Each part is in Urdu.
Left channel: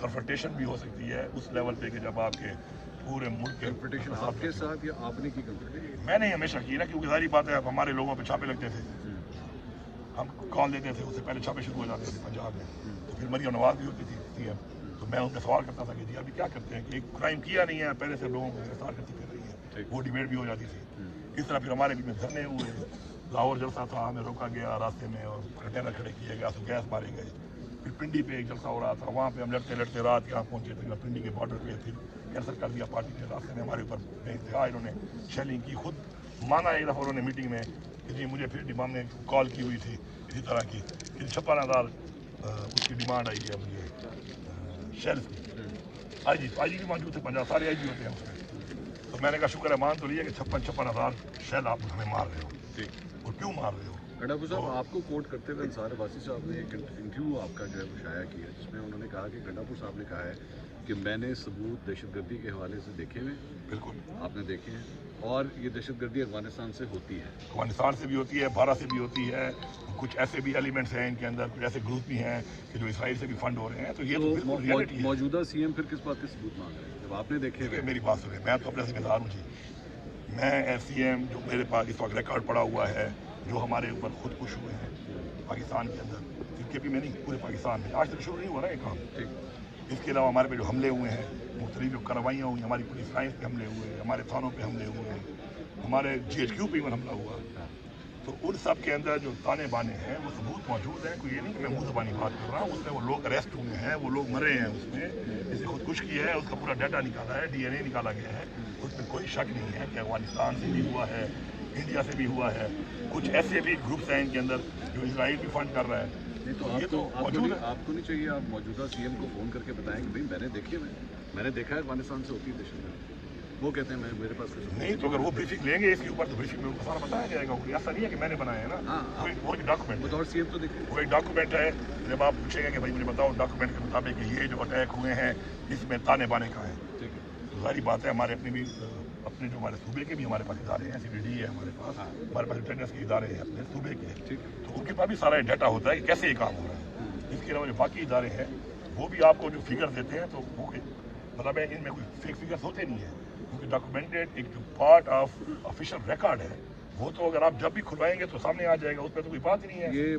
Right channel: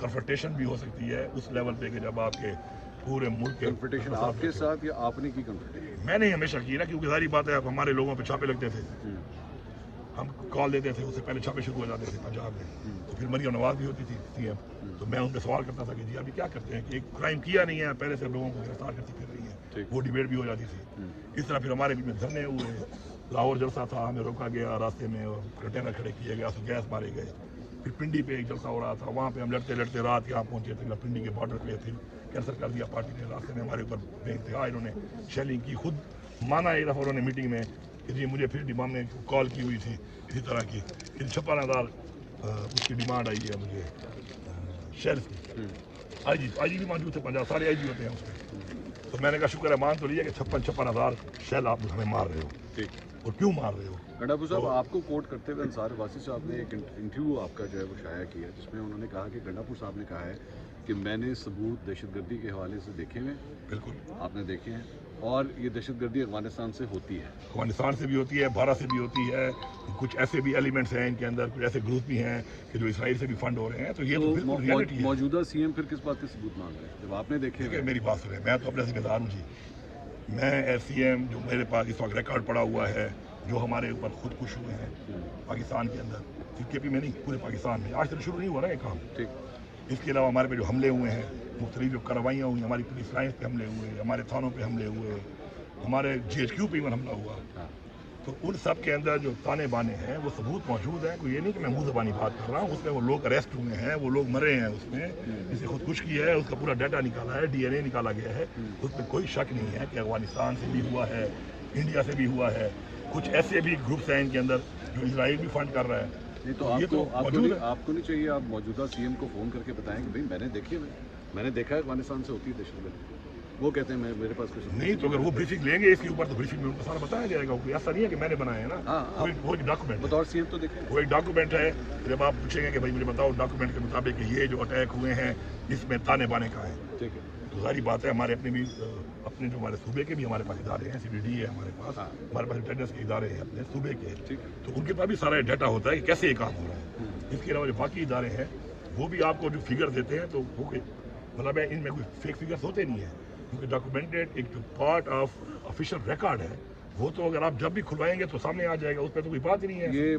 کنفرنٹیشن بھی ہو سکتی ہے اس لیول پہ کہ جب آپ کے پورے ملک کے کنفرنٹیشن آپ کے ساتھ یا آپ نے کی کنفرنٹیشن؟ میں نے ہمیشہ کی نا، کیونکہ ساری بات ہے ہمارے لوگوں پہ چھاپے لگتے تھے، ہم کال دیتے تھے، اس سے پہلے چھاپے شروع ہو جاتے تھے پنجاب میں، تو پھر مریم نواز بھی ہوتی تھی سی ایم، تو میں ان سے سوال کرتا تھا کہ جی ابھی کیا کرتے ہیں کہ ایک کرائم کیا نہیں ہے پہلے سے لوگوں کو گرفتار کرتی پھر رہی ہے، وہ ڈیبیٹ بھی ہو جاتی تھی۔ اس طرح پھر ہمارے بھی دھرنے ہوئے، لاہور جلسہ تھا، ہمیں روکا گیا راستے میں اور کنٹینر کھڑے کیے گئے، گیس مارے گئے، پھر پنڈی پہ ایک جلسہ ہو رہا تھا، وہاں پہ ہم لڑتے لڑتے رات یہاں پہنچے تھے پنڈی کے بارڈر پہ، پھر کینسل کر دیا پارٹی نے، راستے میں ہمارے اوپر بے انتہا انہوں نے شیلنگ کی، خود مانا ایک دفعہ انہوں نے میٹنگ میں کہ جی مجھے پھر ڈیمانڈ نے کال کی ہوئی تھی اسی طرح کی کہ 56,000 اس کی ڈیمانڈ آئی ہے مجھے شیلف کی، آئی جی بھی موجود تھے، پنجاب سارے آئی جی ہوتے ہیں اس میں، تو میں نے کہا شکر ہے مان تو لیا کہ 56,000 شیل آپ ہمیں مار رہے ہو، اور کیوں مار رہے ہو؟ گنڈاپور صاحب آپ کو کوٹ کرتے ہوئے انصار عباسی صاحب نے ایک انٹرویو آپ کا جو ہے وہ شائع کیا جس میں انہوں نے کہا کہ گنڈاپور صاحب نے کہا ہے کہ میں نے ثبوت دہشت گردی کے حوالے سے دیکھے ہوئے، بالکل آپ نے دیکھے ہیں، اور یہ دہشت گردی افغانستان سے ہوتی ہے، افغانستان سے بھی ہوتی ہے، بھارت سے بھی ہوتی ہے، کچھ ایسے بھی ایلیمنٹس ہیں ان کے اندر، کچھ ایسے گروپ بھی ہیں کہ جو اسرائیل سے بھی فنڈ ہو رہے ہیں، تو یہ تو بالکل ریئلٹی ہے۔ موجودہ سی ایم پھر کس بات کے ثبوت مانگ رہے ہیں جب آپ نے دیکھے؟ کہ میری بات سنیں، میں تو اپنے ذمہ دار ہوں جی، میں ایس سی ایم جو میرے پاس اس وقت ریکارڈ پڑا ہوا ہے، جو ہمارے اوپر خود کش ہوئے ہیں پاکستان کے اندر، کے پی میں نہیں پورے پاکستان میں، آج تک شروع نہیں ہوا نا یہ کام، اس کے علاوہ ہمارے پہ جو حملے ہوئے ہیں، مختلف جو کارروائیاں ہوئی، ہماری پولیس لائنس پہ حملے ہوئے، ہمارے تھانوں پہ حملے ہوئے، ہمارے جی ایچ کیو پہ ایون حملہ ہوا، تو ان سب کے اندر جو تانے بانے ہیں وہ ثبوت موجود ہیں، کوئی یہ نہیں کہ میں منہ زبانی بات کر رہا ہوں، اس میں وہ لوگ اریسٹ ہوئے ہیں، وہ لوگ مرے ہیں، اس میں جسے خودکشی ہے اس کا پورا ڈیٹا نکالا ہے، ڈی این اے نکالا گیا ہے، اس میں کوئی شک نہیں ہے کہ افغانستان سے بھی ہوا ہے، انڈیا سے بھی ہوا ہے، کچھ ایسے بھی گروپس ہیں ان کے اندر جو اسرائیل بھی فنڈ کر رہا ہے، تو یہ تو موجود ہے۔ آپ کو نہیں چاہیے آپ موجودہ سی ایم کو فون کر کے بتائیں کہ بھائی میں نے دیکھے ہوئے، میں نے دیکھا ہے افغانستان سے ہوتی ہے دہشت گردی، وہ کہتے ہیں میرے پاس کچھ نہیں، تو اگر وہ بریفنگ لیں گے اس کے اوپر تو بریفنگ میں ان کو سارا بتایا جائے گا، ایسا نہیں ہے کہ میں نے بنایا ہے نا، وہ ایک ڈاکومنٹ ہے، بطور سی ایم تو دیکھیے وہ ایک ڈاکومنٹ ہے، جب آپ پوچھیں گے کہ بھائی مجھے بتاؤ ڈاکومنٹ کے مطابق کہ یہ جو اٹیک ہوئے ہیں اس میں تانے بانے کا ہے، ٹھیک ہے، تو ساری بات ہے، ہمارے اپنے بھی اپنے جو ہمارے صوبے کے بھی ہمارے پاس ادارے ہیں، سی بی ڈی ہے ہمارے پاس انٹیلیجنس کے ادارے ہیں اپنے صوبے کے، تو ان کے پاس بھی سارا ڈیٹا ہوتا ہے کہ کیسے یہ کام ہو رہا ہے، اس کے علاوہ جو باقی ادارے ہیں وہ بھی آپ کو جو فگر دیتے ہیں تو وہ مطلب ان میں کوئی فیک فگرس ہوتے نہیں ہیں، کیونکہ ڈاکومنٹڈ ایک جو پارٹ آف آفیشیل ریکارڈ ہے وہ تو اگر آپ جب بھی کھلوائیں گے تو سامنے آ جائے گا، اس پہ تو کوئی بات ہی نہیں ہے، یہ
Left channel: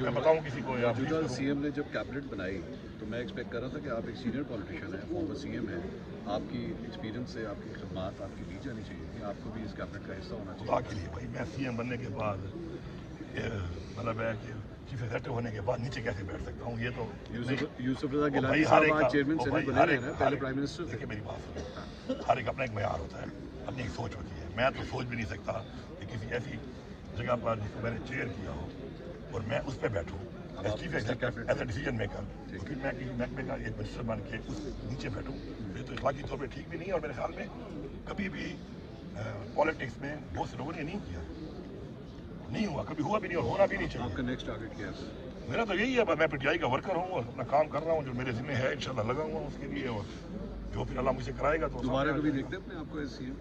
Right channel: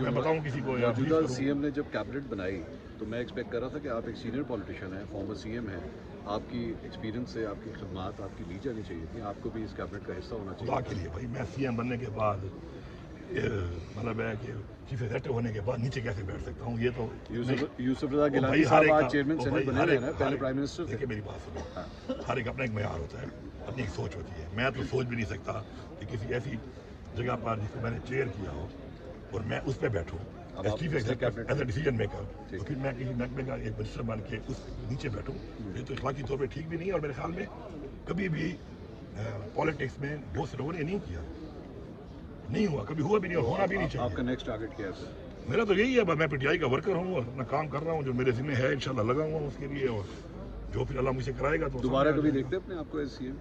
میں بتاؤں کسی کو یا موجودہ سی ایم نے جب کیبنٹ بنائی تو میں ایکسپیکٹ کر رہا تھا کہ آپ ایک سینئر پولیٹیشین ہیں، فارمر سی ایم ہیں، آپ کی ایکسپیرینس سے آپ کی خدمات آپ کی دی جانی چاہیے تھی، آپ کو بھی اس کیبنٹ کا حصہ ہونا چاہیے۔ خدا کے لیے بھائی میں سی ایم بننے کے بعد مطلب ہے کہ چیف ایگزیکٹو ہونے کے بعد نیچے کیسے بیٹھ سکتا ہوں، یہ تو یوسف رضا بھائی گیلانی ہر صاحب ایک آج چیئرمین سینٹ بنے ہیں نا، پہلے پرائم منسٹر تھے۔ دیکھیں میری بات سنیں، ہر ایک اپنا ایک معیار ہوتا ہے، اپنی ایک سوچ ہوتی ہے، میں تو سوچ بھی نہیں سکتا کہ کسی ایسی جگہ پر جس کو میں نے چیئر کیا ہو اور میں اس پہ بیٹھوں as chief executive as a decision maker, تو پھر میں کسی محکمے کا ایک منسٹر بن کے اس نیچے بیٹھوں، یہ تو اخلاقی طور پہ ٹھیک بھی نہیں ہے، اور میرے خیال میں کبھی بھی پالیٹکس میں بہت سے لوگوں نے نہیں کیا، نہیں ہوا، کبھی ہوا بھی نہیں اور ہونا بھی نہیں چاہیے۔ آپ کا نیکسٹ ٹارگیٹ کیا ہے؟ میرا تو یہی ہے، میں پی ٹی آئی کا ورکر ہوں اور اپنا کام کر رہا ہوں، جو میرے ذمہ ہے انشاءاللہ لگا ہوا ہوں اس کے لیے، اور جو پھر اللہ مجھ سے کرائے گا تو دوبارہ کبھی دیکھتے اپنے آپ کو ایس سی ایم؟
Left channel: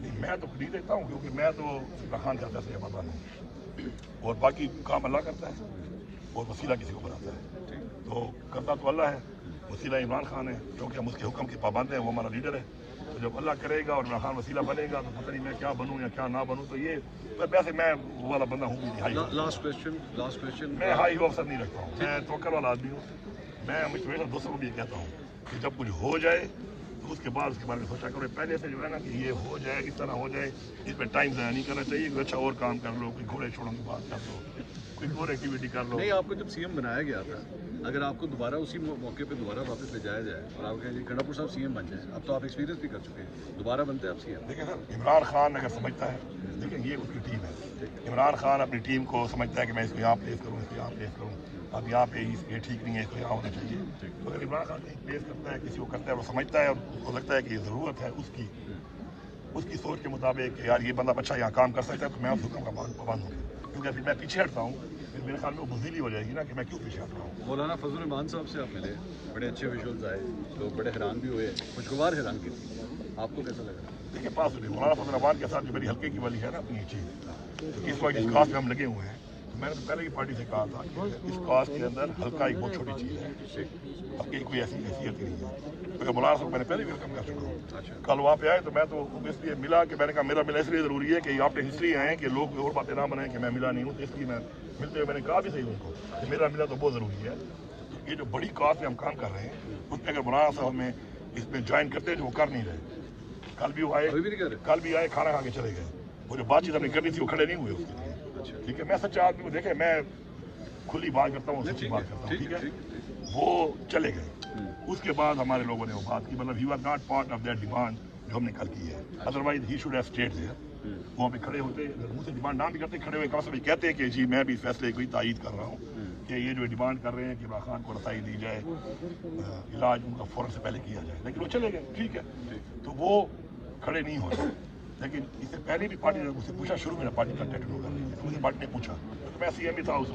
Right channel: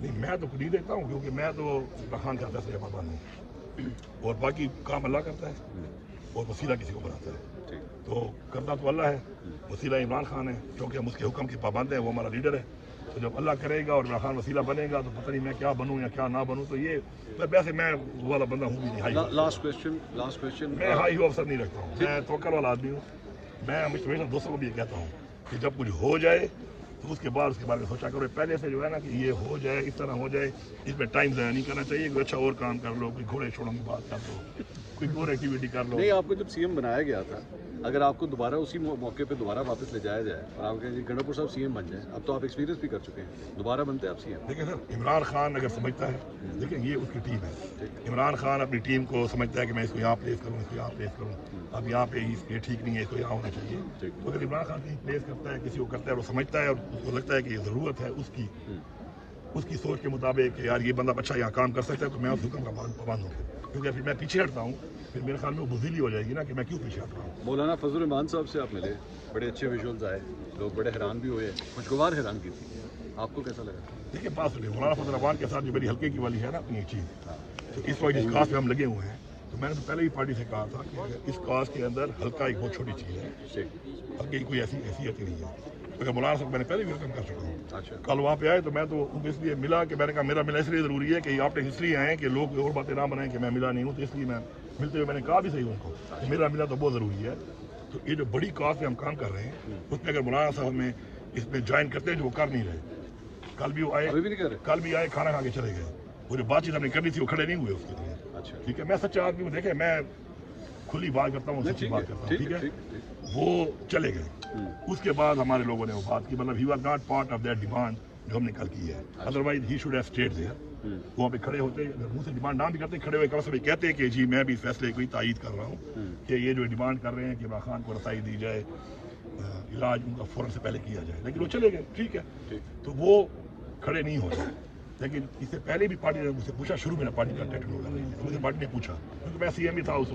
نہیں، میں تو نہیں دیکھتا ہوں، کیونکہ میں تو عمران خان کا فیصلہ پتا نہیں، اور باقی کام اللہ کرتا ہے اور وسیلہ کسی کو بناتا ہے، تو کرتا تو اللہ ہے، وسیلہ عمران خان ہے، کیونکہ ہم اس کے حکم کے پابند ہیں، وہ ہمارا لیڈر ہے، تو جب اللہ کرے گا اور عمران خان وسیلہ بنے گا تو پتہ نہیں میں کیا بنوں یا کیا نہ بنوں، تو یہ ویسے میں وہ والا بندہ ہوں بھی نہیں، لاسٹ کویسچن میں ہائی آفسر نہیں رکھتا ہوں، میں توکل والا آدمی ہوں، میں ہمیشہ دوستوں کو بھی یہ کہتا ہوں کہ جب کچھ ہو جائے تو اس کے بعد اس کے بارے میں سوچا کرو، پہلے سے جو ہے نا کہ یہ ہو جائے اس طرح ہو جائے، اس پہ ٹائم ضائع نہیں کرنا چاہیے، کوئی اچھا اور کام کر لو، کوئی گھوڑے چھوڑوں کی بات کر لو، کوئی اور ایکٹیویٹی کر لو۔ نہیں، آپ کو جب سی ایم بنایا گیا تھا، اگر آپ کو دوبارہ اسی موقع پہ دوبارہ واپس لے جایا جائے اور آپ کہیں گنڈاپور صاحب سی ایم بن جائیں، اب تو آپ ایکسپیرینس بھی کر چکے ہیں، دوبارہ بنتے ہیں آپ سی ایم؟ دیکھیں سر، عمران خان اگر سمجھتا ہے، لیکن یہ اس کی ٹیم ہے، عمران خان اپنی ٹیم کو سمجھتا ہے کہ میں اس کو یہاں پلیس کروں، اس کو یہاں پلیس کروں، اب یہاں پہ یہ ٹھیک نہیں ہے، اس کو یہاں ہونا چاہیے، تو اگر عمران خان کہیں پلیس کرتا ہے، کسی کو کرتا ہے، وہ سمجھتا ہے اور اس کو لگتا ہے کہ یہ ضرورت ہے اس کی سوچ کے مطابق کہ یار یہ بندہ اچھا یہاں کام کر سکتا ہے، تو میں اس حکم کا پابند ہوں، کیونکہ پھر میں پیچھے ہٹتا ہوں، پھر میرے خیال میں وہ بزدلی ہو جائے گی نا کہ میں کیوں پیچھے ہٹ رہا ہوں۔ مولانا فضل الرحمان صاحب سے آپ ملے، بڑے اچھے ویژولز آئے، لوگ بڑے حیران بھی ہوئے، خوشگوار حیران کی تھی، آپ کو کیسا لگا؟ دیکھیے بات سنیے، مولانا فضل الرحمان کے ساتھ جو میری ہلکے کی والی ہے نا اپنی یہ چیز، تو اس وقت جس کاس میں ہم لگے ہوئے ہیں تو میں نے تو پہلے ہی پارٹی سے کہا تھا کہ اس کاز کے اندر ہلکا ایک بہت چھوٹی چیز ہے، ہلکے کی کوئی ایسی حیثیت ہی نہیں ہے، کیونکہ مولانا صاحب میں نے پہلے بھی ویلکم کر چکا ہوں۔ اچھا کل وہاں پہ آئے تو میں تو اس لیے ملا کہ میں نے کہا میرا ملنا اس لیے ضروری ہے کہ آپ نے اس لیے آئے کہ لوگ اور باتیں نہ منائیں کہ میں ملا نہیں ہوں، تو اس لیے میں ملتے ہوئے میں نے کہا بھی صحیح ان کو کہ میرا ملنا تو بہت ضروری ہے۔ تو یہ جو بڑی کاز پہ ہم کام کر رہے ہیں اس میں اگر مولانا صاحب ہمیں اس میں جوائن کرتے ہیں جو وہ کر نہیں رہے، کل بھی وہ آئے، ابھی بھی نہیں کر رہے؟ کل بھی آئے کھانا کھا کے چلے گئے، وہ جو بات چیت ہم نے کرنی تھی وہ کھڑے نہیں ہوئے اس کے لیے۔ اچھا ٹھیک ہے، میں سچا آدمی ہوں، دیکھیں میں کھلی بات کرتا ہوں، سچی بات کرتا ہوں، ٹھیک ہے۔ وہ چلے گئے، اس کے بعد ہمارے لوگوں نے وہ بات کی، مطلب he was not part of that demand جو ہم نے کل کی ہے، otherwise he should have stayed there. وہاں پہ کھڑے ہوتے، منہ سے ڈیمانڈ نہ بھی کرتے، کھڑے ہوئے کم سے کم کہتے ہیں کہ جی میں بھی اس فیصلے کی تائید کر رہا ہوں کہ یہ جو ڈیمانڈ کر رہے ہیں کہ عمران خان کو رسائی دی جائے، علاج ان کا فوراً سے پہلے کیا جائے، لیکن وہ چلے گئے، ٹھیک ہے۔ تو وہ کھڑے نہیں ہو رہے، لیکن اس سے پہلے بھی پارٹی نے مجھ سے پوچھا، شروع میں پارٹی کا ٹیکنو کر رہی تھی، تو مجھے پارٹی نے پوچھا کیونکہ میں سی ایم بھی تھا اس وقت۔